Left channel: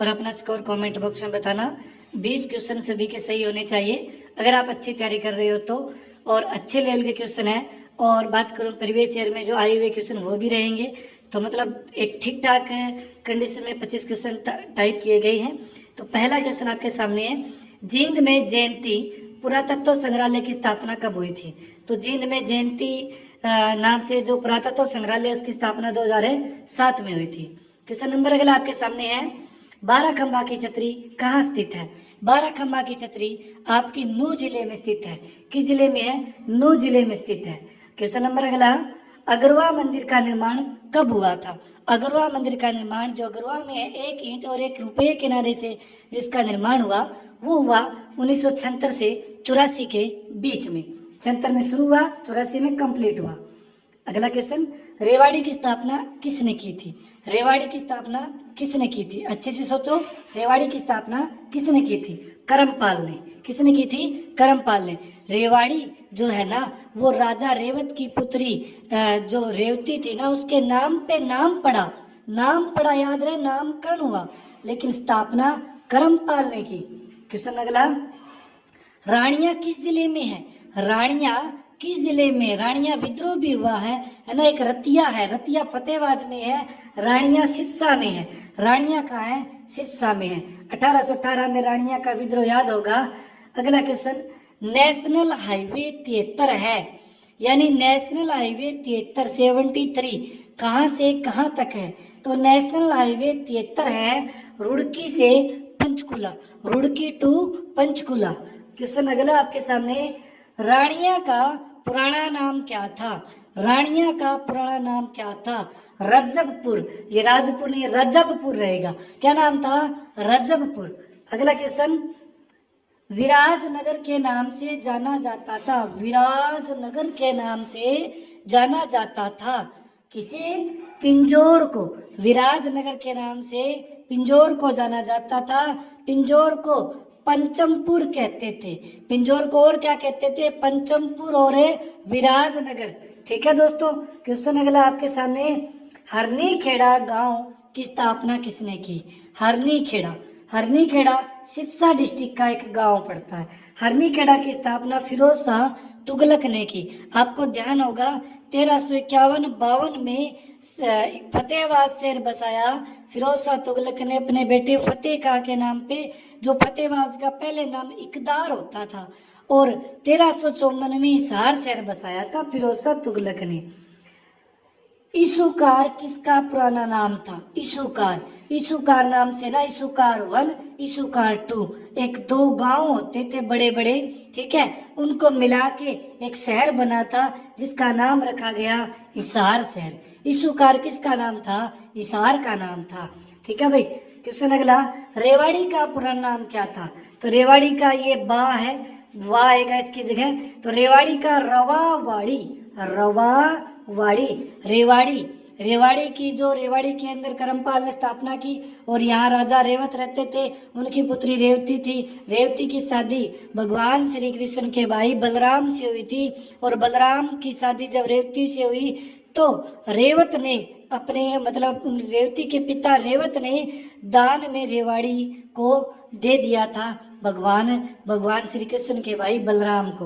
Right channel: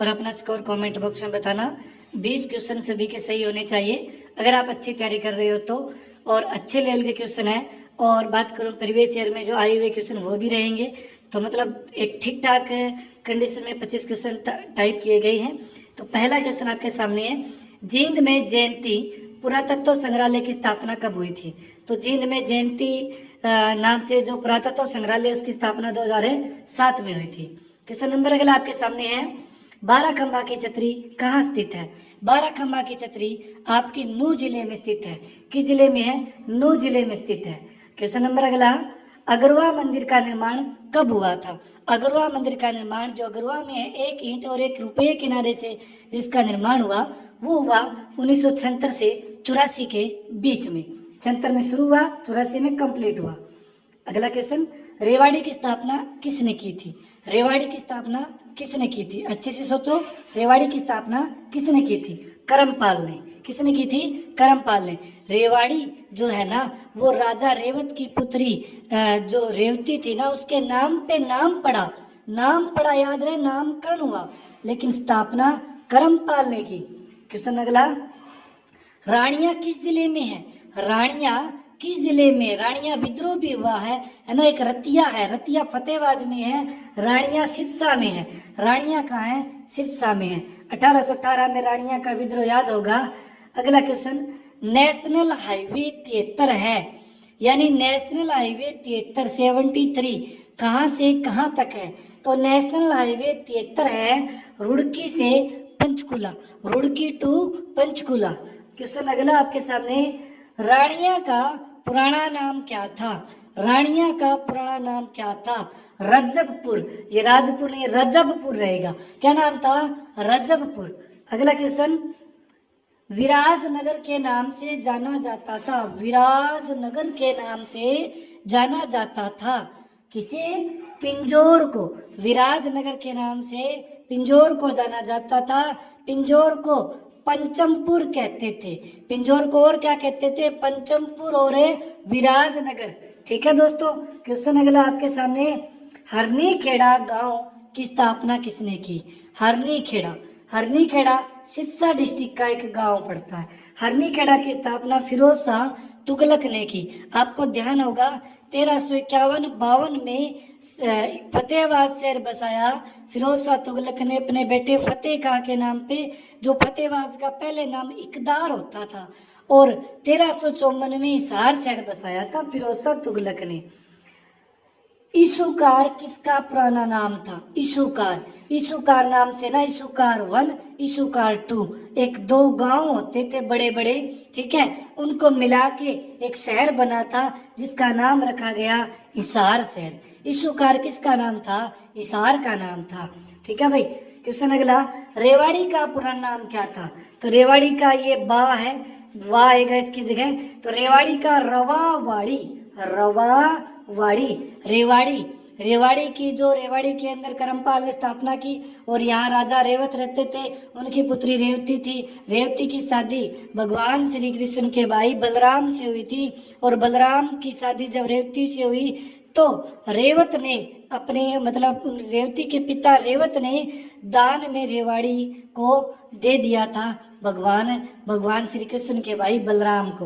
और अपना score comment box में बताना। 20 क्वेश्चन सभी के सही होने चाहिए अगर आप अच्छी तैयारी कर रहे हो तो, और अच्छे लेवल के क्वेश्चन है। और बात करूं प्रीवियस ईयर में जो आए हुए क्वेश्चन वो भी रहेंगे, तो मतलब एक ठीक ठाक कंडीशन में 25 क्वेश्चन टाइप किए गए हैं। तो पहला क्वेश्चन आपके सामने है, जींद में जयंती पुरातत्व संग्रहालय की स्थापना कब हुई थी? तो जींद में जयंती नाम से जो पुरातत्व संग्रहालय उसकी स्थापना 2007 में हुई थी। क्वेश्चन नंबर अगला आपके सामने है, बाराखंबा की छतरी कहाँ स्थित है? बाराखंबा की छतरी आपकी नूह जिले में स्थित है। किस जिले में है? नूह जिले में स्थित है। क्वेश्चन नंबर अगला, अगरवा मंदिर का निर्माण कब हुआ था? अगरवा मंदिर का निर्माण जो अगरवा में है, 1 ईंट और 1 रुपये किनारे से जिसका निर्माण हुआ वो हुआ 1976 से 84 के बीच में। 76 में शुरू हुआ, 84 में कंप्लीट हुआ। अगला क्वेश्चन, रेवाड़ी की स्थापना किसने की थी? रेवाड़ी की स्थापना किसने की थी? अच्छे से सोचो, रेवाड़ी की स्थापना किसने की थी? करमपाल ने। किसने की थी? करमपाल ने। रेवाड़ी जो है ना वो राजा रेवत की पुत्री जो रेवती थी ना उसके नाम पे नाम पड़ा, याद रहे, नामकरण हुआ, लेकिन स्थापना करमपाल ने की। क्वेश्चन अगला, रानिया किस जिले में है? रानिया किस जिले में? रानिया विद्रोह भी हुआ है ना, एक रतिया है, रतिया फतेहबाद में है, रानिया सिरसा में है। रानिया कहाँ है? सिरसा में है। 1818 में रानिया का विद्रोह याद होगा। अगला क्वेश्चन, नेशनल हाईवे 73 है, यानी नेशनल हाईवे 73 कहाँ से कहाँ तक है? तो नेशनल हाईवे 73 है रुड़की से पंचकुला, रुड़की टू पंचकुला। क्वेश्चन अगला आपके सामने, रानिया का पुराना नाम क्या था? रानिया का पुराना नाम क्या था? रजबपुर। ये राजपुर नहीं, रजबपुर रहेगा। क्या नाम था? रजबपुर। अगला क्वेश्चन, विराजनगर के नाम से जाना जाता था। विराजनगर के नाम से जाना जाता था किसे? पिंजौर को। विराजनगर के नाम से पिंजौर को जाना जाता था। पिंजौर को पंचमपुर कहते थे। पिंजौर को और क्या कहते थे? पंचमपुर और विराजनगर। ठीक है दोस्तों। क्वेश्चन अगला आपके सामने, हरनीखेड़ा गांव की स्थापना किसने की? हरनीखेड़ा, हरनीखेड़ा सिरसा डिस्ट्रिक्ट का एक गांव पड़ता है। हरनीखेड़ा की स्थापना फिरोज शाह तुगलक ने की। आपको ध्यान होगा 1351-52 में फतेहाबाद शहर बसाया फिरोज शाह तुगलक ने अपने बेटे फतेह खां के नाम पे, जो फतेहाबाद का पहले नाम इकदार होता था, और 1354 में हिसार शहर बसाया था फिरोज शाह तुगलक ने। इशुकार किसका पुराना नाम था? इशुकार, इशुकार नाम से ना इशुकार 1, इशुकार 2, एक 2 गांव होते थे बड़े बड़े, ठीक है, उनको मिला के एक शहर बना था जिसका नाम रखा गया हिसार शहर। इशुकार किसका नाम था? हिसार का नाम था। ठीक है भाई। क्वेश्चन अगला, रेवाड़ी का पुराना नाम क्या था? तो रेवाड़ी का ये बा है, वाह आएगा इसकी जगह, तो रेवाड़ी का रवावाड़ी, रवावाड़ी, रेवाड़ी। रेवाड़ी की जो रेवाड़ी के अंदर करमपाल ने स्थापना की और यहाँ राजा रेवत रहते थे, उनकी पुत्री रेवती थी। रेवती की शादी भगवान श्री कृष्ण के भाई बलराम से हुई थी, और बलराम की शादी जब रेवती से हुई तो रेवत ने अपने मतलब रेवती के पिता रेवत ने दान में रेवाड़ी को दे दिया था भगवान श्री कृष्ण के भाई बलराम को।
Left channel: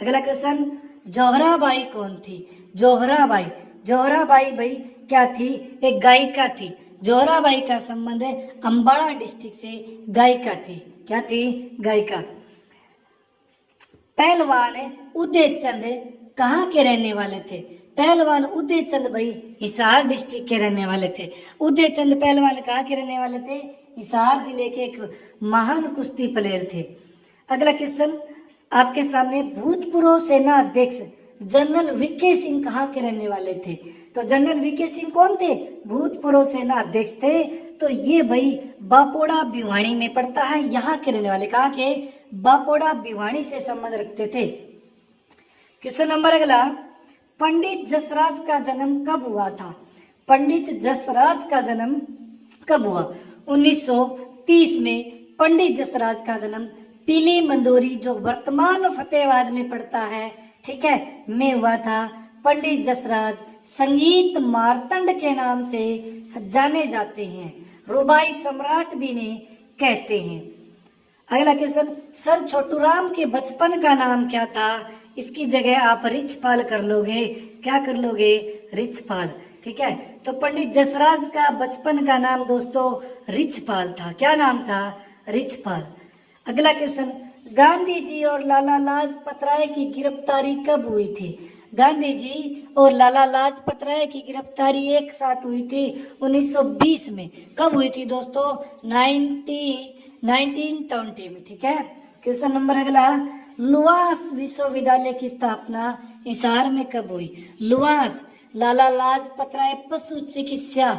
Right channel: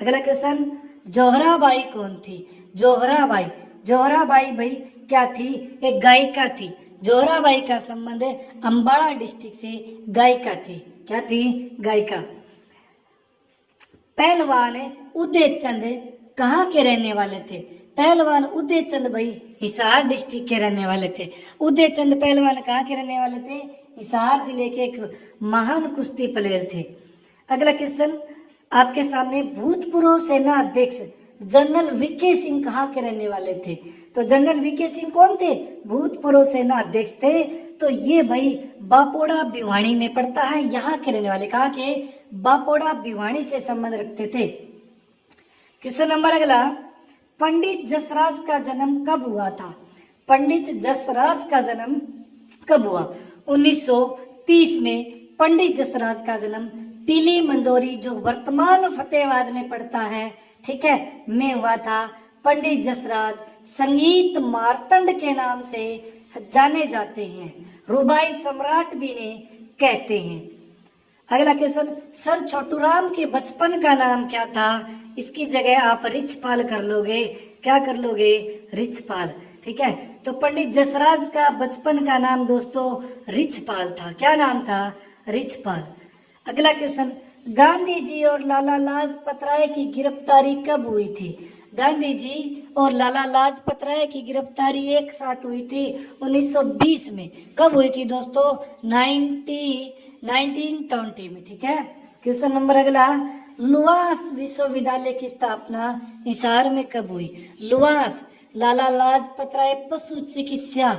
अगला क्वेश्चन, जोहराबाई कौन थी? जोहराबाई, जोहराबाई भाई क्या थी? एक गायिका थी। जोहराबाई का संबंध है अंबाला डिस्ट्रिक्ट से, गायिका थी। क्या थी? गायिका। पहलवान उदय चंद कहाँ के रहने वाले थे? पहलवान उदय चंद भाई हिसार डिस्ट्रिक्ट के रहने वाले थे। उदय चंद पहलवान कहाँ के रहने वाले थे? हिसार जिले के एक महान कुश्ती प्लेयर थे। अगला क्वेश्चन आपके सामने, भूतपूर्व सेना अध्यक्ष जनरल वीके सिंह कहाँ के रहने वाले थे? तो जनरल वीके सिंह कौन थे? भूतपूर्व सेना अध्यक्ष थे। तो ये भाई बापोड़ा भिवानी में पड़ता है, यहाँ के रहने वाले। कहाँ के? बापोड़ा भिवानी से संबंध रखते थे। क्वेश्चन नंबर अगला, पंडित जसराज का जन्म कब हुआ था? पंडित जसराज का जन्म कब हुआ? 1930 में पंडित जसराज का जन्म पीली मंदोरी जो वर्तमान फतेहाबाद में पड़ता है, ठीक है, में हुआ था। पंडित जसराज संगीत मार्तंड के नाम से जाने जाते हैं। रुबाई सम्राट भी इन्हें कहते हैं। अगला क्वेश्चन, सर छोटूराम के बचपन का नाम क्या था? इसकी जगह आप रिछपाल कर लोगे। क्या कर लोगे? रिछपाल। ठीक है, तो पंडित जसराज का बचपन का नाम दोस्तों रिछपाल था। क्या नाम था? रिछपाल। अगला क्वेश्चन, गांधी जी और लाला लाजपत राय की गिरफ्तारी कब हुई थी? गांधी जी और लाला लाजपत राय की गिरफ्तारी एक साथ हुई थी 1920 में। कब हुई थी दोस्तों? 1920 में। ठीक है, क्वेश्चन नंबर अगला, लुआस विश्वविद्यालय की स्थापना हिसार में कब हुई? लुआस लाला लाजपत राय पशु चिकित्सा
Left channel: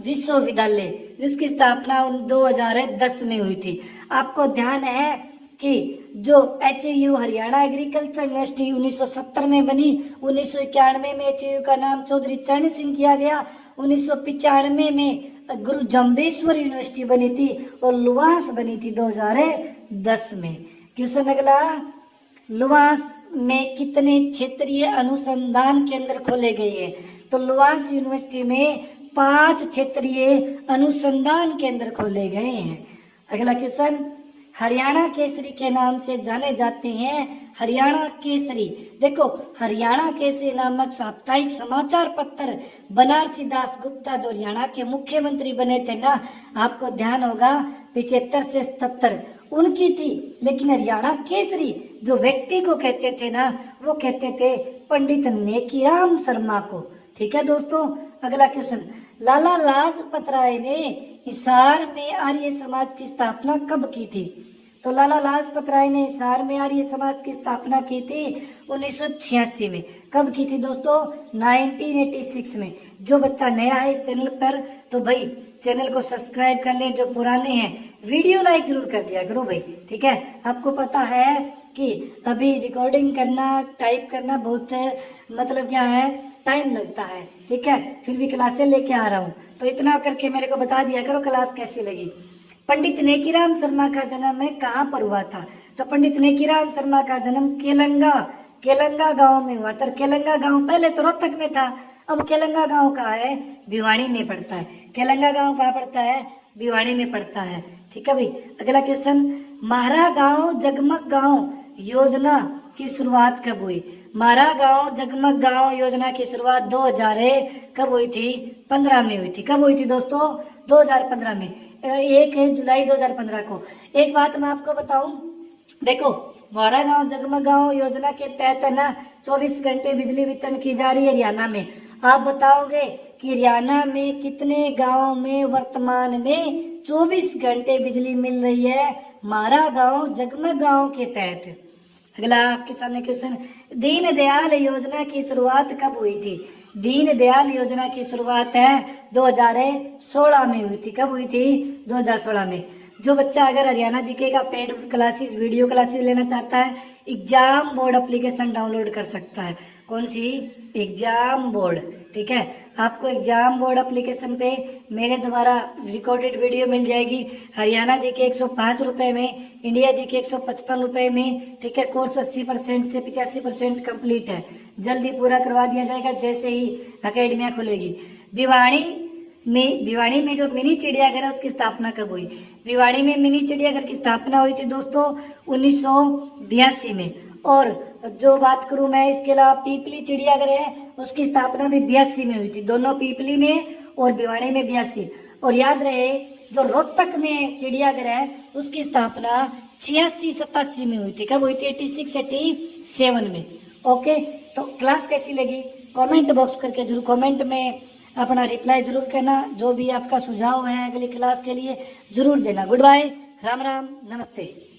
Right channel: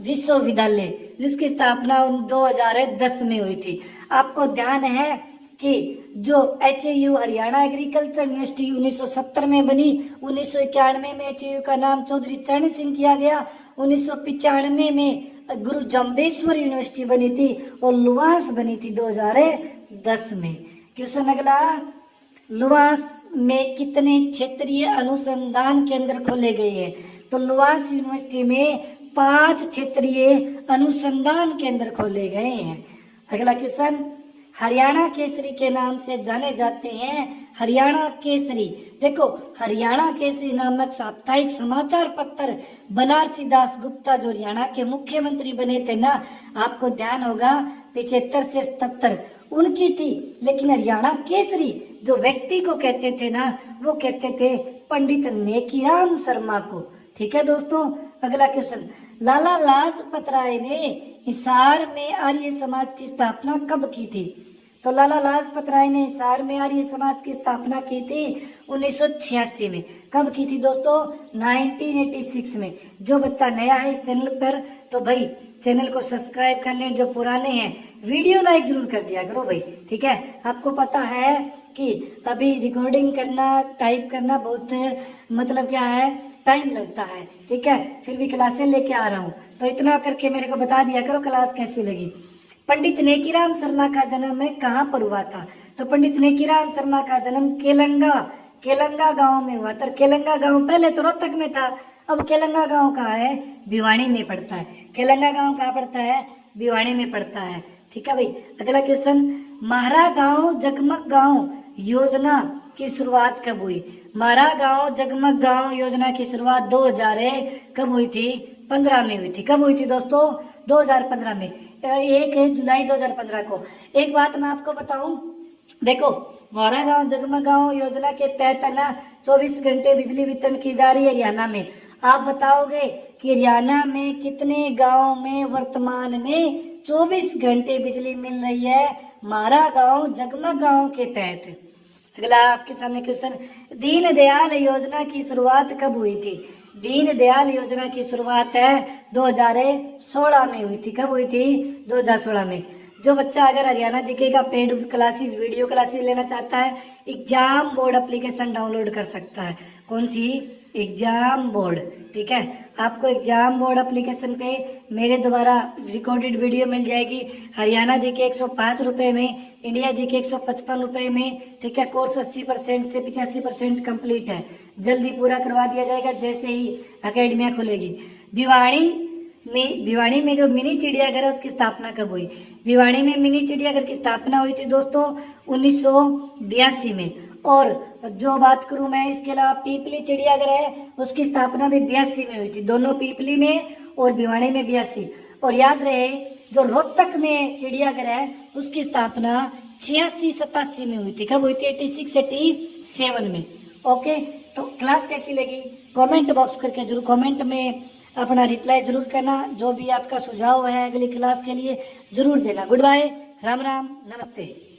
विश्वविद्यालय, जिसकी स्थापना 2010 में हुई थी। आपको ध्यान है कि जो HAU हरियाणा एग्रीकल्चर यूनिवर्सिटी 1970 में बनी, 1991 में HAU का नाम चौधरी चरण सिंह किया गया, 1995 में गुरु जम्बेश्वर यूनिवर्सिटी बनी थी और लुआस बनी थी 2010 में। क्वेश्चन अगला, लुआस में कितने क्षेत्रीय अनुसंधान केंद्र खोले गए हैं? तो लुआस यूनिवर्सिटी में 5 क्षेत्रीय अनुसंधान केंद्र खोले गए हैं। अगला क्वेश्चन, हरियाणा केसरी के नाम से जाने जाते हैं। हरियाणा केसरी, देखो हरियाणा केसरी नामक साप्ताहिक समाचार पत्र बनारसी दास गुप्ता जो हरियाणा के मुख्यमंत्री बने थे ना, आपको ध्यान होगा 75 से 77 उनकी थी। लेकिन हरियाणा केसरी जो व्यक्ति को कहते थे ना, वो कहते थे पंडित नेकीराम शर्मा को। ठीक है दोस्तों, अगला क्वेश्चन, लाला लाजपत राय ने हिसार में आर्य समाज की स्थापना कब की थी? तो लाला लाजपत राय ने हिसार में आर्य समाज की स्थापना की थी 1986 में। कब की थी दोस्तों? 1986 में। जो बच्चा नया है इस चैनल पर, तो भाई चैनल को सब्सक्राइब कर ले। जो पुराने हैं वीडियो लाइक जरूर कर दिया करो भाई। ठीक है, आपको पता है कि अभी रिकॉर्डिंग करना, टाइप करना बहुत मतलब क्या है, टाइम लगता है। ठीक है, फिर भी क्लासें लेके आ रहा हूँ, तो इतना करके मेरे को बता दिया करो क्लास कैसी लगी। पंडित नेकीराम शर्मा का जन्म में कहाँ पर हुआ था? तो पंडित नेकीराम शर्मा का जन्म केलंगा गांव में हुआ था। केलंगा गांव पहले तो रोहतक में था, अब केलंगा गांव कहाँ है? भिवानी में पड़ता है। केलंगा गांव कहाँ पड़ता है? भिवानी में पड़ता है। ठीक है भाई, अगला क्वेश्चन, महारा गांव जगमग गांव योजना की शुरुआत कब हुई? महारा गांव जगमग गांव योजना की शुरुआत 2000 कब हुई थी? 15 में हुई थी। कब हुई थी दोस्तों? 2015 में, 1 जुलाई 2015 को। एक बात मैं आपको बताऊं, देखो महारा गांव जगमग गांव योजना के तहत है ना 24 घंटे बिजली वितरण की जा रही है हरियाणा में। आप बताओगे कि हरियाणा में कितने गांव में वर्तमान में 24 घंटे बिजली मिल रही है महारा गांव जगमग गांव के तहत? अगला आपके सामने क्वेश्चन, दीनदयाल योजना की शुरुआत कब हुई थी? दीनदयाल योजना की शुरुआत है 2016 में हुई थी। कब हुई थी? 2016 में। जो बच्चा अगर हरियाणा जीके का पेड क्लासेस, वीडियो क्लासेस लेना चाहता है, एग्जाम बोर्ड एप्लीकेशन डाउनलोड कर सकता है। कौन सी? Exam board. ठीक है, आपको एग्जाम बोर्ड एप्लीकेशन पे मेरे द्वारा रिकॉर्डेड वीडियो मिल जाएगी। हरियाणा जीके 105 रुपए में, इंडिया जीके 155 रुपए में। ठीक है, कोर्स 80% से 85% कंप्लीट है। जल्दी पूरा करवा दिया जाएगा जैसे ही अकेडमियाँ खुलेगी। भिवानी में जो मिनी चिड़ियाघर है उसकी स्थापना कब हुई? भिवानी में मिनी चिड़ियाघर की स्थापना हुई थी दोस्तों 1982 में। और जो बात करूं मैं, इसके अलावा पीपली चिड़ियाघर है, उसकी स्थापना भी 82 में हुई थी। दोनों पीपली में और भिवानी में 82। और याद रहे जो रोहतक में चिड़ियाघर है उसकी स्थापना 86-87 में हुई थी। कब हुई थी? 86-87 में। ओके, तो क्लास कैसी लगी कमेंट बॉक्स करके जरूर कमेंट में अपना रिप्लाई जरूर करना। जो भी आपका सुझाव है अगली क्लास के लिए जरूर देना। गुड बाय, राम राम, नमस्ते।